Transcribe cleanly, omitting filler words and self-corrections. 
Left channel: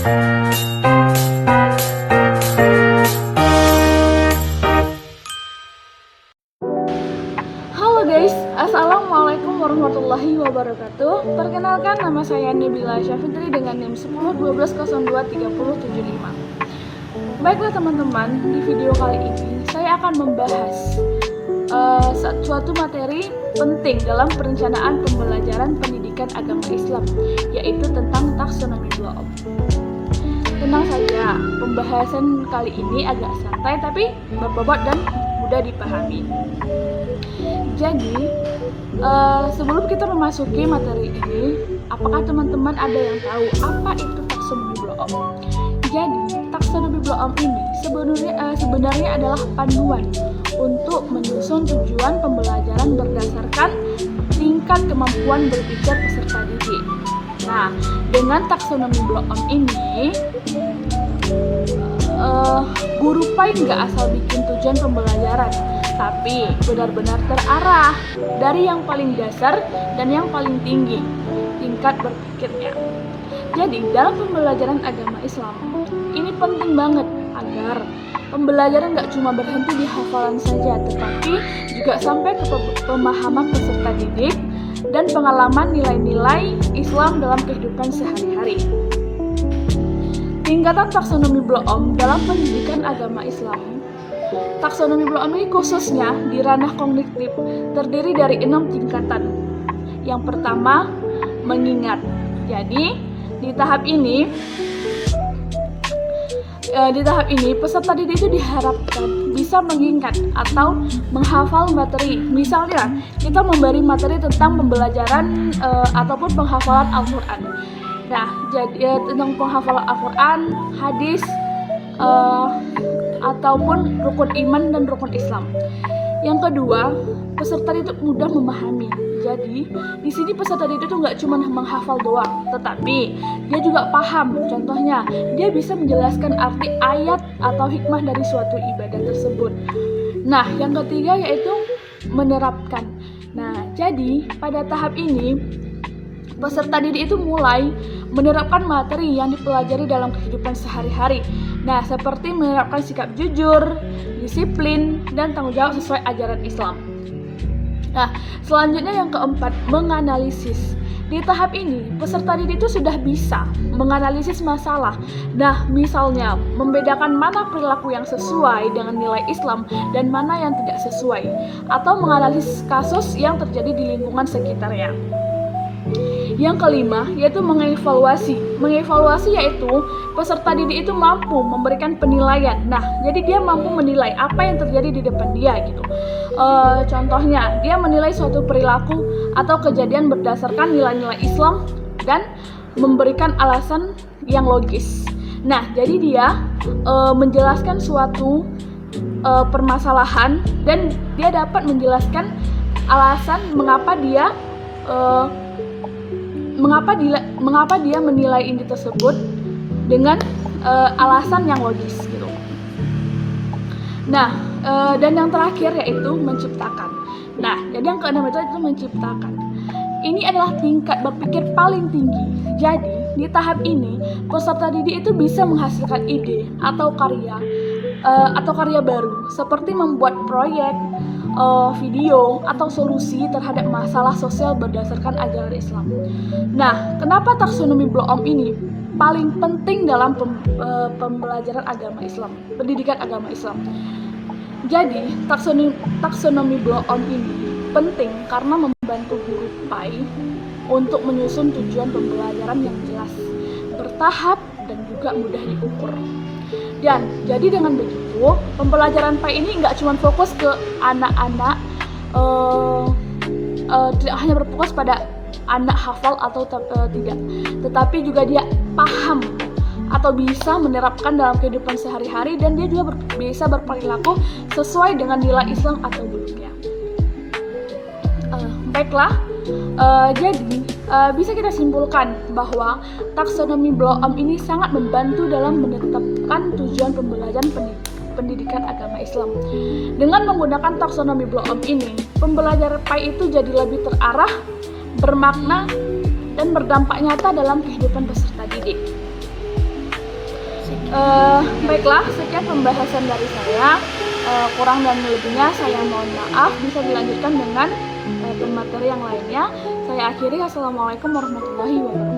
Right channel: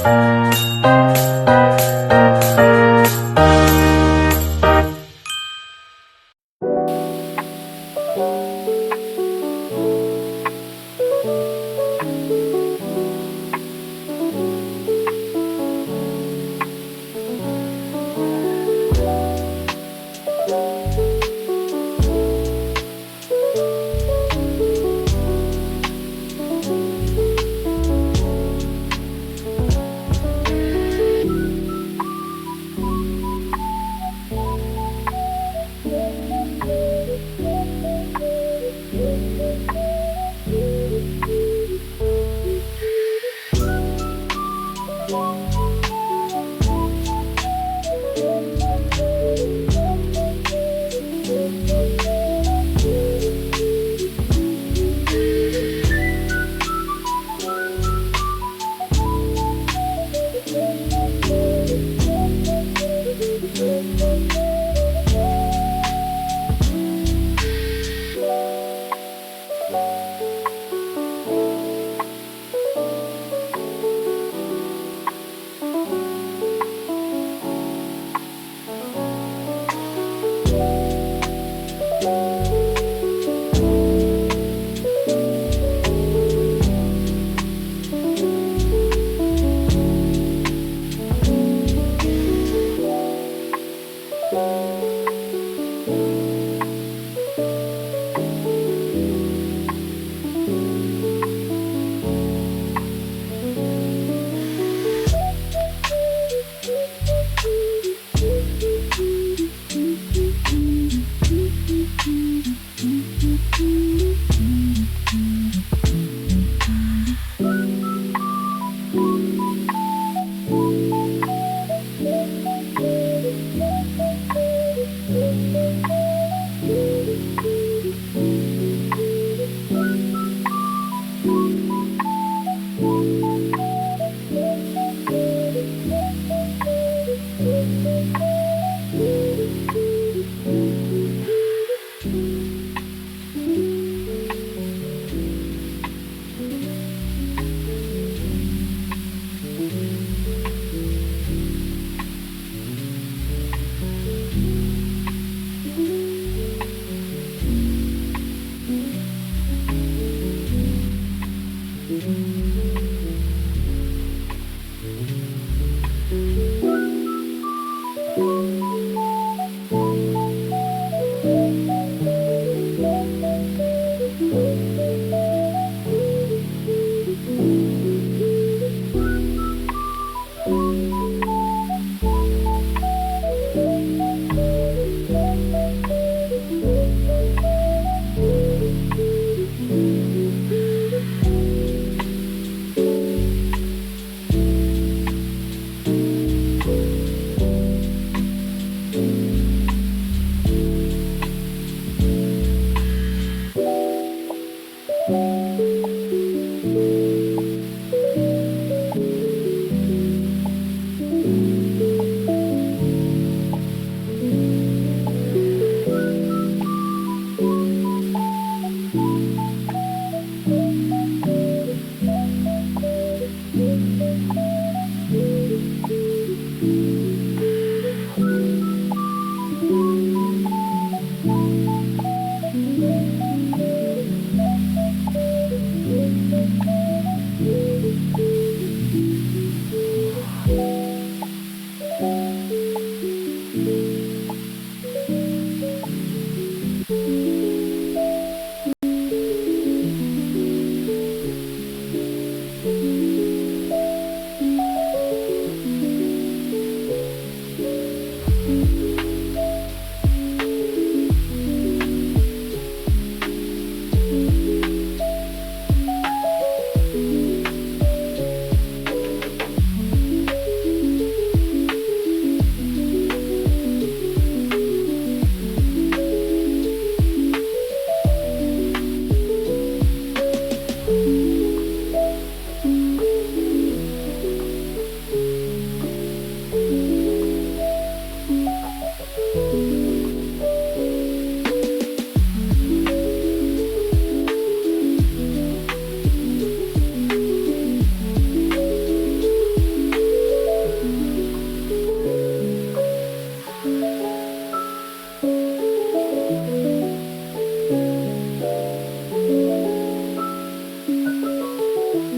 Halo guys, Assalamualaikum warahmatullahi wabarakatuh. Perkenalkan, nama saya Nabila Syafitri dengan NIM 1012023075. Baiklah teman-teman, di video kali ini saya akan membahas suatu materi penting dalam perencanaan pembelajaran pendidikan agama Islam, yaitu tentang taksonomi block. Tenang saja, pembahasan kali ini agak santai tapi berbobot dan mudah dipahami. Jadi, sebelum kita memasuki materi ini, apakah teman-teman ada yang tahu apa itu taksonomi block? Jadi, taksonomi block ini sebenarnya adalah panduan untuk menyusun tujuan pembelajaran berdasarkan tingkat kemampuan berpikir peserta didik. Nah, dengan taksonomi block ini, guru PAI nggak asal bikin tujuan pembelajaran, tapi benar-benar terarah dari yang paling dasar dan yang paling tinggi tingkat berpikirnya. Jadi dalam pembelajaran agama Islam ini penting banget agar pembelajaran nggak cuma berhenti di hafalan saja, tetapi juga sampai ke pemahaman peserta didik dan pengalaman nilai-nilai Islam dalam kehidupan sehari-hari. Tingkatan taksonomi block dalam pendidikan agama Islam. Taksonomi block ini khususnya di ranah kognitif terdiri dari 6 tingkatan. Yang pertama, mengingat. Jadi di tahap ini peserta didik itu diharapkan bisa mengingat atau menghafal materi. Misalnya kita memberi materi tentang pembelajaran ataupun penghafalan Al-Quran. Nah, jadi tentang penghafalan Al-Quran, hadis, ataupun rukun iman dan rukun Islam. Yang kedua, peserta didik mudah memahami. Jadi di sini peserta didik itu nggak cuma menghafal doang, tetapi dia juga paham. Contohnya, dia bisa menjelaskan arti ayat atau hikmah dari suatu ibadah tersebut. Nah, yang ketiga yaitu menerapkan. Nah, jadi pada tahap ini peserta didik itu mulai menerapkan materi yang dipelajari dalam kehidupan sehari-hari. Nah, seperti menerapkan sikap jujur, disiplin, dan tanggung jawab sesuai ajaran Islam. Nah, selanjutnya yang keempat, menganalisis. Di tahap ini, peserta didik itu sudah bisa menganalisis masalah. Nah, misalnya, membedakan mana perilaku yang sesuai dengan nilai Islam dan mana yang tidak sesuai, atau menganalisis kasus yang terjadi di lingkungan sekitarnya. Yang kelima, yaitu mengevaluasi. Mengevaluasi yaitu peserta didik itu mampu memberikan penilaian. Nah, jadi dia mampu menilai apa yang terjadi di depan dia gitu. Contohnya, dia menilai suatu perilaku atau kejadian berdasarkan nilai-nilai Islam dan memberikan alasan yang logis. Nah, jadi dia menjelaskan suatu permasalahan dan dia dapat menjelaskan alasan mengapa dia menilai ini tersebut dengan alasan yang logis gitu. Nah, dan yang terakhir yaitu menciptakan. Nah, jadi yang keenam itu menciptakan. Ini adalah tingkat berpikir paling tinggi. Jadi di tahap ini peserta didik itu bisa menghasilkan ide atau karya baru seperti membuat proyek, video atau solusi terhadap masalah sosial berdasarkan ajaran Islam. Nah, kenapa taksonomi block ini paling penting dalam pembelajaran agama Islam, pendidikan agama Islam? Jadi, taksonomi block ini penting karena membantu guru PAI untuk menyusun tujuan pembelajaran yang jelas, bertahap, dan juga mudah diukur. Dan jadi dengan begitu, pembelajaran PAI ini nggak cuma fokus ke anak-anak, tidak hanya berfokus pada anak hafal atau tidak, tetapi juga dia paham atau bisa menerapkan dalam kehidupan sehari-hari dan dia juga bisa berperilaku sesuai dengan nilai Islam atau dunia. Baiklah, jadi bisa kita simpulkan bahwa taksonomi block ini sangat membantu dalam menetapkan tujuan pembelajaran pendidikan agama Islam. Dengan menggunakan taksonomi block ini, pembelajaran PAI itu jadi lebih terarah, bermakna, dan berdampak nyata dalam kehidupan peserta didik. Baiklah, sekian pembahasan dari saya. Kurang dan lebihnya saya mohon maaf. Bisa dilanjutkan dengan materi yang lainnya. Saya akhiri. Assalamualaikum warahmatullahi wabarakatuh.